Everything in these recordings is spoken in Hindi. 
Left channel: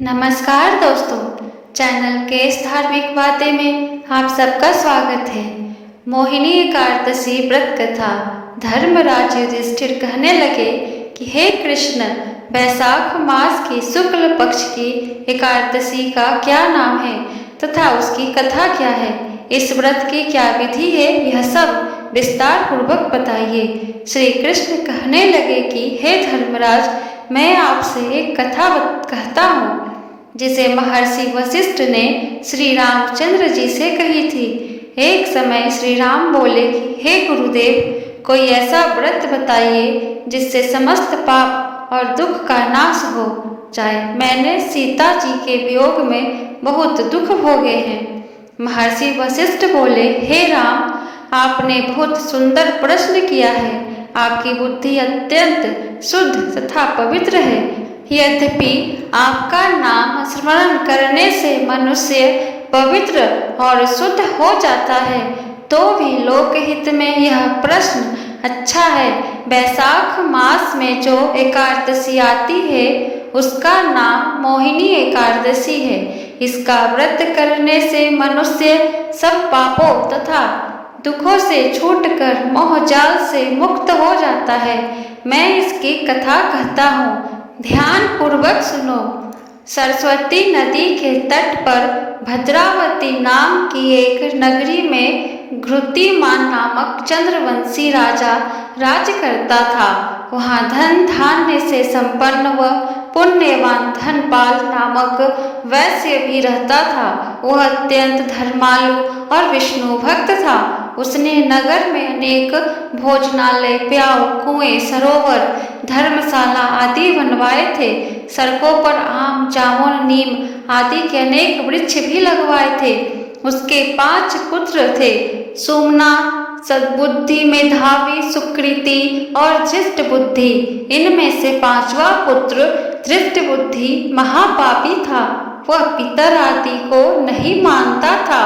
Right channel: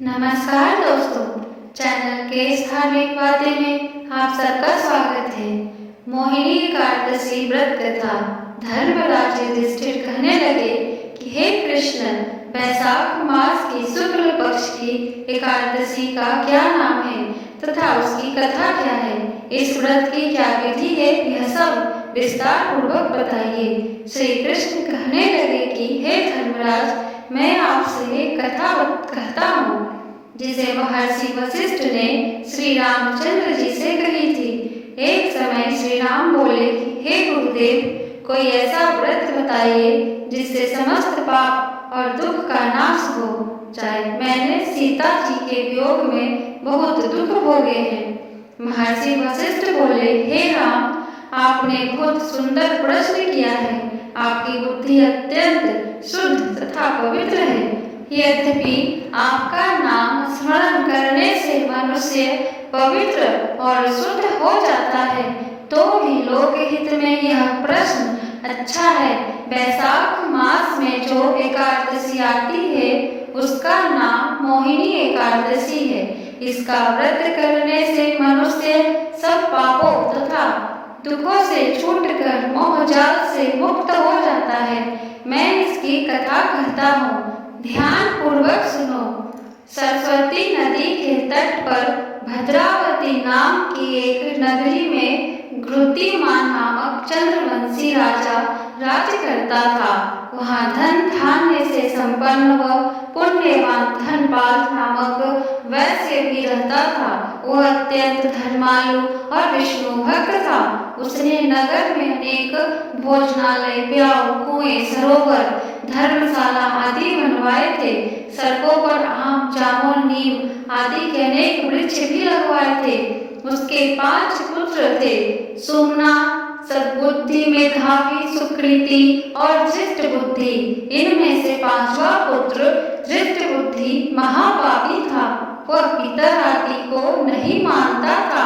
नमस्कार दोस्तों, चैनल केस धार्मिक बातें में आप सबका स्वागत है। मोहिनी एकादशी व्रत कथा। धर्मराज युधिष्ठिर कहने लगे कि हे कृष्ण, वैशाख मास की शुक्ल पक्ष की एकादशी का क्या नाम है तथा उसकी कथा क्या है, इस व्रत की क्या विधि है, यह सब विस्तार पूर्वक बताइए। श्री कृष्ण कहने लगे कि हे धर्मराज, मैं आपसे एक कथा कहता हूँ जिसे महर्षि वशिष्ठ ने श्री रामचंद्र जी से कही थी। एक समय श्री राम बोले कि हे गुरुदेव, कोई ऐसा व्रत बताइए जिससे समस्त पाप और दुख का नाश हो जाए। मैंने सीता जी के वियोग में बहुत दुख भोगे हैं। महर्षि वशिष्ठ बोले, हे राम, आपने बहुत सुंदर प्रश्न किया है। आपकी बुद्धि अत्यंत शुद्ध तथा पवित्र है। यद्यपि आपका नाम स्मरण करने से मनुष्य पवित्र और शुद्ध हो जाता है, तो भी लोकहित में यह प्रश्न अच्छा है। वैशाख मास में जो एकादशी आती है उसका नाम मोहिनी एकादशी है। इसका व्रत करने से मनुष्य सब पापों तथा दुखों से छूटकर मोह जाल से मुक्त हो जाता है। मैं इसकी कथा कहता हूँ, ध्यान पूर्वक सुनो। सरस्वती नदी के तट पर भद्रावती नाम की एक नगरी में घृतिमान नामक चंद्रवंशी राजा राज करता था। वहाँ धन धान्य से संपन्न व पुण्यवान धनपाल नामक वैश्य भी रहता था। वह अत्यंत धर्मालु और विष्णु भक्त था। उसने नगर में अनेक भोजनालय, प्याऊ, कुएं, सरोवर, धर्मशाला आदि बनवाए थे। सड़कों पर आम, जामुन, नीम आदि के अनेक वृक्ष भी लगवाए थे। उसके 5 पुत्र थे, सुमना, सद्बुद्धि, मेधावी, सुकृति और धृष्ट बुद्धि। इनमें से 5वां पुत्र धृष्ट बुद्धि महापापी था। वह पितर आदि को नहीं मानता था।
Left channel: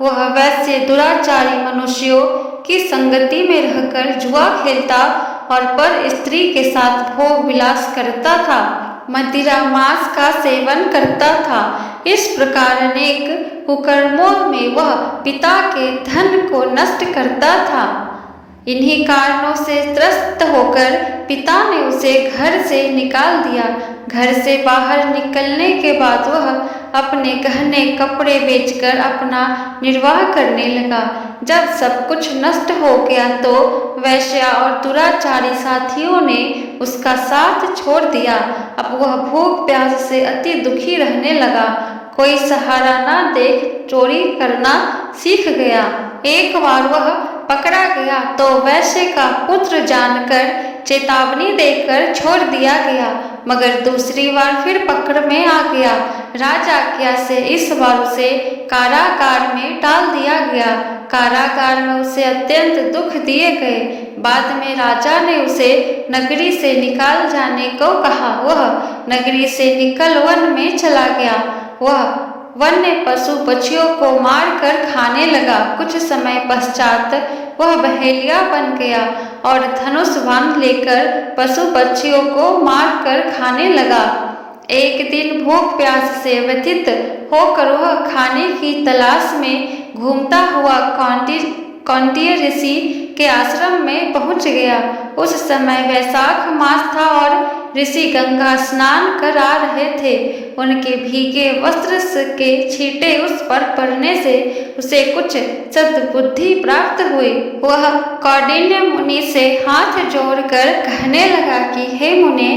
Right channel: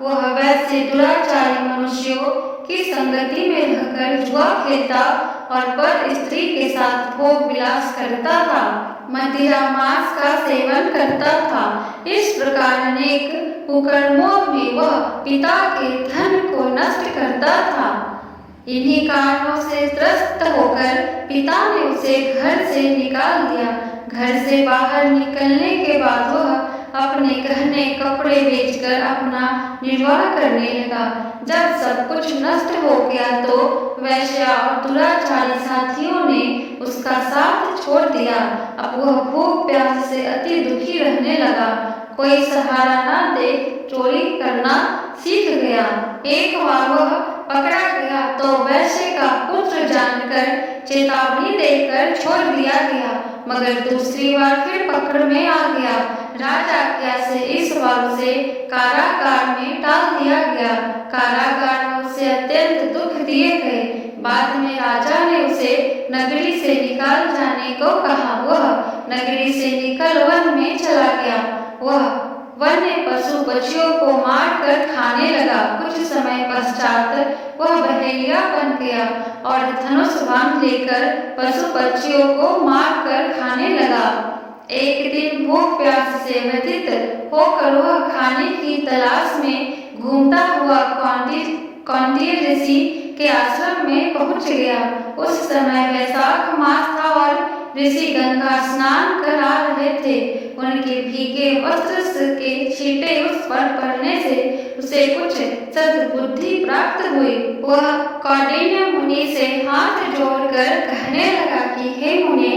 वह वैसे दुराचारी मनुष्यों की संगति में रहकर जुआ खेलता और पर स्त्री के साथ भोग विलास करता था। मदिरा मांस का सेवन करता था। इस प्रकार अनेक कुकर्मों में वह पिता के धन को नष्ट करता था। इन्हीं कारणों से त्रस्त होकर पिता ने उसे घर से निकाल दिया। घर से बाहर निकलने के बाद वह अपने गहने कपड़े बेचकर अपना निर्वाह करने लगा। जब सब कुछ नष्ट हो गया तो वैश्या और दुराचारी साथियों ने उसका साथ छोड़ दिया। अब वह भूख प्यास से अति दुखी रहने लगा। कोई सहारा न देख चोरी करना सीख गया। एक बार वह पकड़ा गया तो वैश्य का पुत्र जानकर चेतावनी देकर छोड़ दिया गया, मगर दूसरी बार फिर पकड़ में आ गया। राजा आज्ञा से इस बार उसे कारागार में डाल दिया गया। कारागार में उसे अत्यंत दुख दिए गए। बाद में राजा ने उसे नगरी से निकाल जाने को कहा। वह नगरी से निकल वन में चला गया। वह वन्य पशु पक्षियों को मार कर खाने लगा। कुछ समय पश्चात वह बहेलिया बन गया और धनुष बांध लेकर पशु पक्षियों को मार कर खाने लगा। एक दिन भूख प्यास से व्यथित होकर वह खाने की तलाश में घूमता हुआ कौंडिन्य ऋषि के आश्रम में पहुंच गया। उस समय वैशाख मास था और ऋषि गंगा स्नान कर आ रहे थे। उनके भीगे वस्त्र के छींटे उस पर पड़ने से उसे कुछ सद्बुद्धि प्राप्त हुई। वह कौंडिन्य मुनि से हाथ जोड़कर कहने लगा कि हे मुने,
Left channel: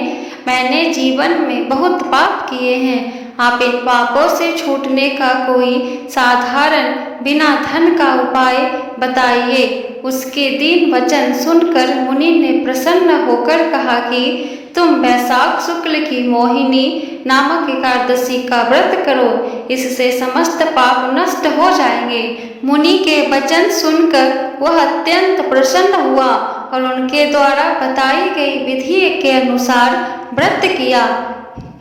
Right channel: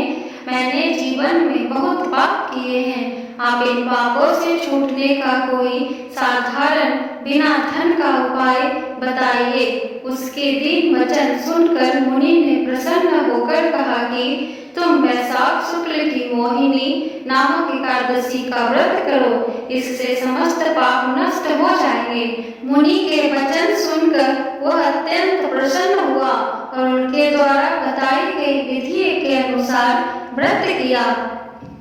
मैंने जीवन में बहुत पाप किए हैं। आप इन पापों से छूटने का कोई साधारण बिना धन का उपाय बताइए। उसके दीन वचन सुनकर मुनि ने प्रसन्न होकर कहा कि तुम वैशाख शुक्ल की मोहिनी नामक एकादशी का व्रत करो, इससे समस्त पाप नष्ट हो जाएंगे। मुनि के वचन सुनकर वह अत्यंत प्रसन्न हुआ और उनके द्वारा बताई गई विधि के अनुसार व्रत किया।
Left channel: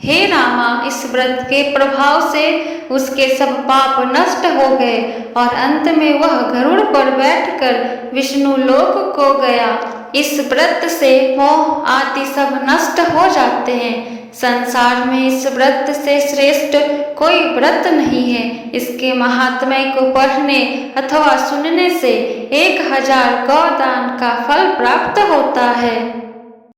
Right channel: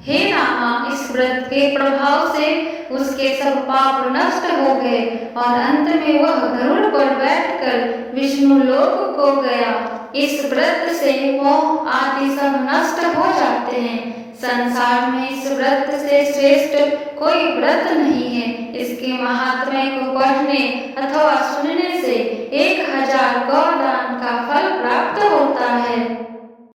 हे रामा, इस व्रत के प्रभाव से उसके सब पाप नष्ट हो गए और अंत में वह गरुड़ पर बैठकर विष्णु लोक को गया। इस व्रत से मोह आदि सब नष्ट हो जाते हैं। संसार में इस व्रत से श्रेष्ठ कोई व्रत नहीं है। इसके महात्म्य को पढ़ने अथवा सुनने से 1000 गौदान का फल प्राप्त होता है।